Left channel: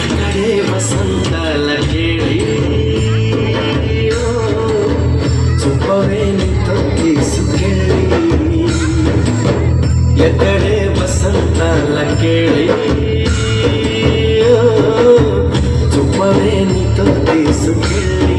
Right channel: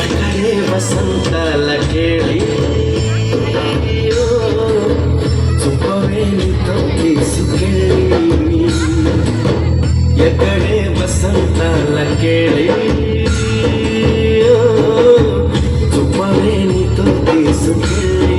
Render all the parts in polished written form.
ಎಕಡೆ ವಸಂತಲ ಕೇಳಿ ಸುಖವೇನು ತೊಕ್ಕಿಸಿ ಕೇಳಿ ಎಕಡೆ ವಸಂತಲ ಕೇಳಿ ಸುಖವೇನು ತೊಕ್ಕಿಸಿ ಕೇಳಿ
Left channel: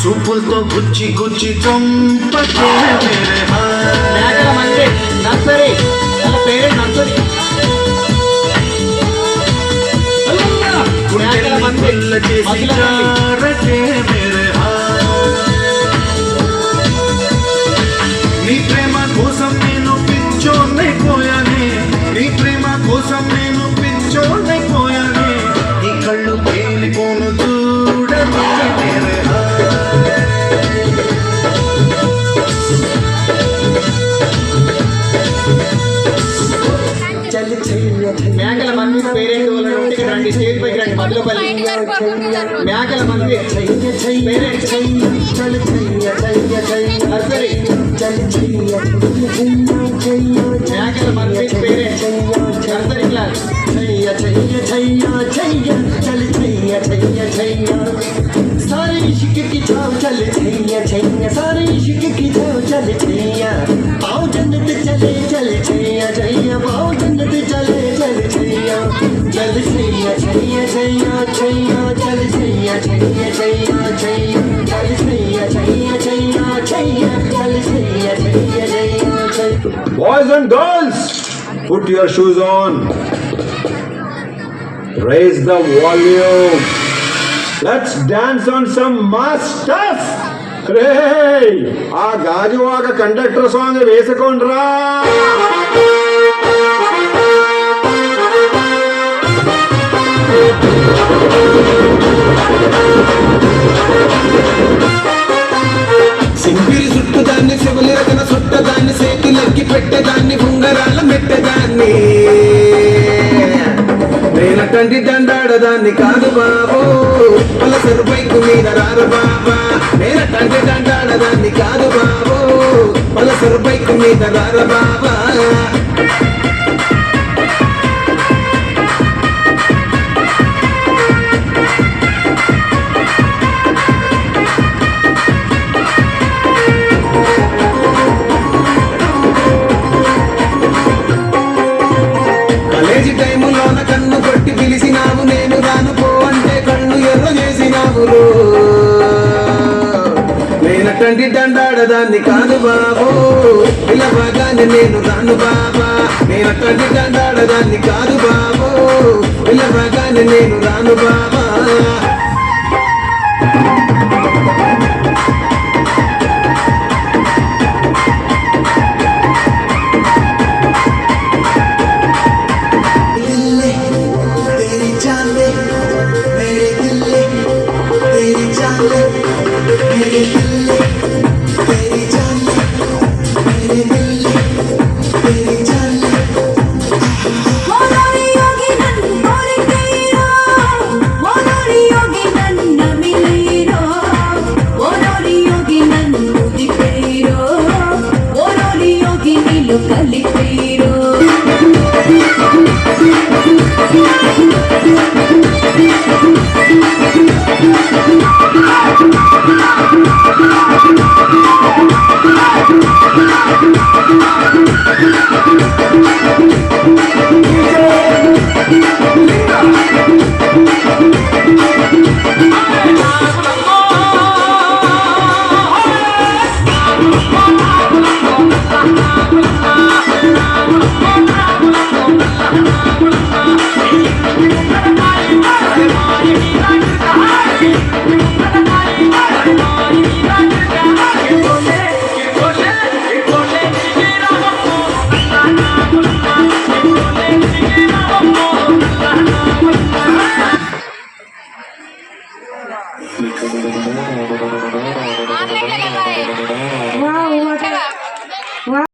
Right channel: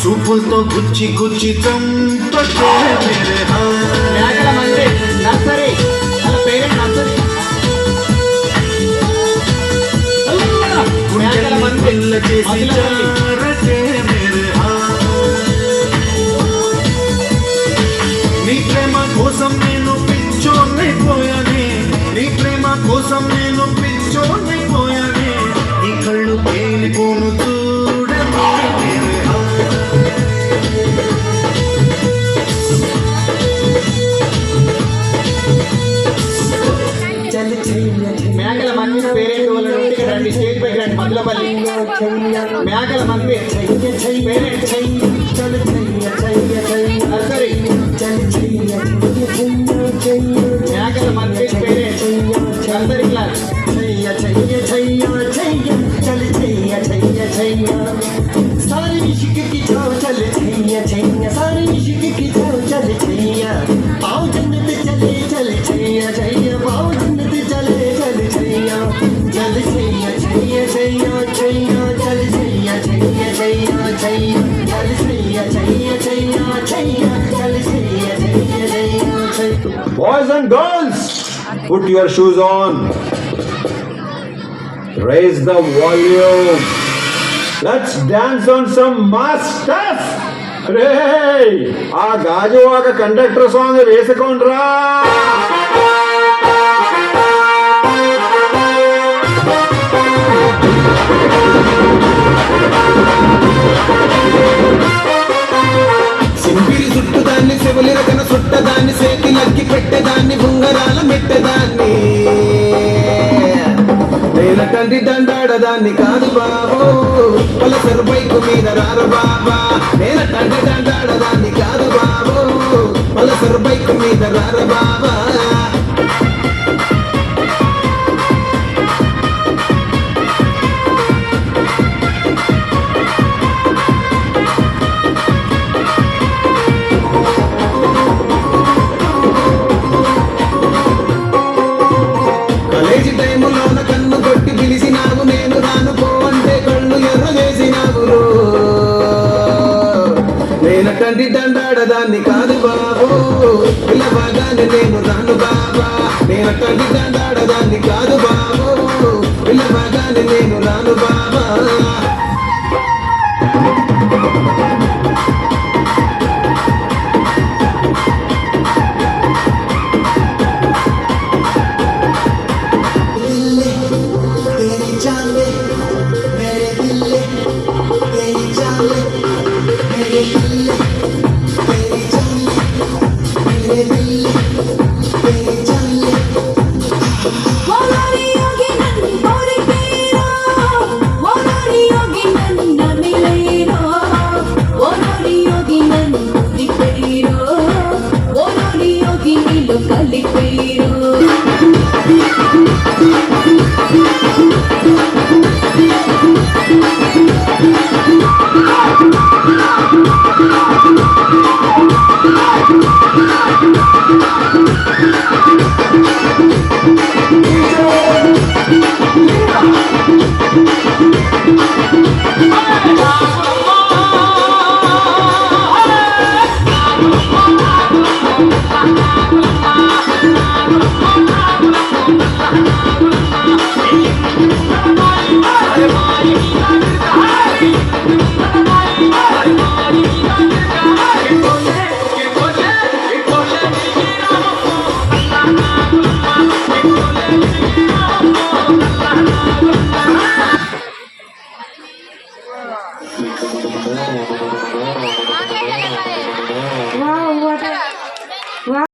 చూపులతో గుచ్చి గుచ్చి చంపకే మేకల మంది నర్సరీ వాళ్ళ పేరు నర్సరీ మేకల మంది నీ ప్రేమ కోసం నేను పిచ్చోనైపోయానే నీ ప్రేమ కోసం నేను పిచ్చోనైపోయానే నీ కళ్ళు తేలిపోను మేకల మంది పేరెంట్ వాళ్ళ రండి స్టేజ్ పైకి రండి మధులపల్లి మేకల మంది పేరెంట్ నర్సరీ మేకల మంది పేరెంట్ నర్సరీ క్లాస్ सारे इश्क की छाव चले छैया छैया सारे इश्क की छाव चले छैया पाओ जन्नत चले चले छैया छैया पाओ जन्नत चले चले छैया चल छैया छैया छैया छैया चल छैया छैया छैया छैया चल छैया छैया छैया छैया चल Chaiyya Chaiyya Chaiyya. Boys and girls, put your shoes on. Raise the volume. Let's dance on some mass stuff. Hey, ఆ గాజు వాక కండక్టర్ సాంగ్ వేసుకోండ్రా. సింపిరి చుట్టుదాన్ని శివలిరకన చుట్టదాన్ని సేకిలకి పెట్టేదాన్ని ఉంగరాల మెట్టేదాన్ని నేనటండి దండాడదాన్ని కాదు బాబు పలసరు బైకు మీద రారు బాబా నేనటండి దండాడదాన్ని కాదు బాబు పలసరు బైకు మీద రారు బాబా కాలేజీ టైములోన కన్ను కొట్టి పిలిచినావు నేను రాను పోవంటే కళ్ళు ఎర్ర చేసినావు నేనటండి దండాడదాన్ని కాదు బాబు పిల్లబాగానే నేను రాను బాబా నేనటండి దండాడదాన్ని కాదు బాబు పిల్లబాగానే నేను రాను బాబా Thank you. Wow, what a